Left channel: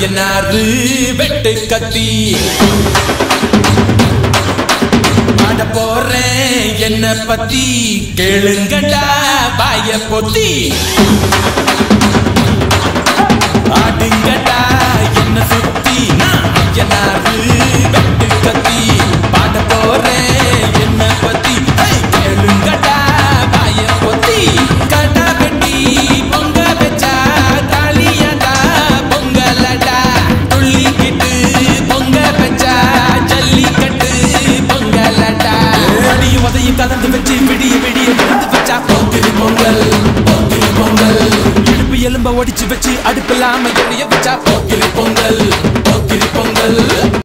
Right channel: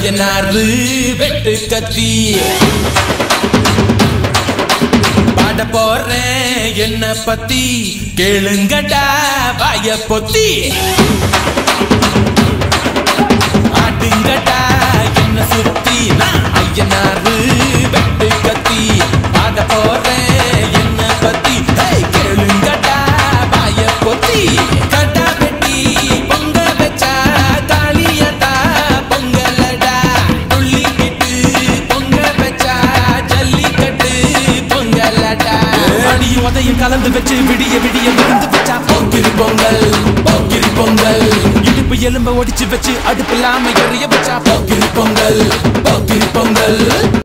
ஐயனாரு வெட்டு கத்தி பாட போறேன் என்ன பத்தி கேளுங்கடா வாய பொத்தி ஆடுங்கடா என்ன சுத்தி நான் ஐயனாரு வெட்டு கத்தி பாட போறேன் என்ன பத்தி கேளுங்கடா வாய பொத்தி கட்டா வெட்டி பொங்க வச்சா தாலியடா பொங்கலடா துள்ளிக்கிட்டு பொங்க வச்சா ஜல்லிக்கட்டு பொங்கலடா மடியும் உதையும் கலந்து வச்சு விடிய விடிய விருந்து வச்சா போக்கிரி பொங்கல் போக்கிரி பொங்கல் இடுப்பு எலும்ப ஒடிச்சு வச்சு அடுப்பில்லாம எறிய வச்சா போக்கிரி பொங்கல் போக்கிரி பொங்கல்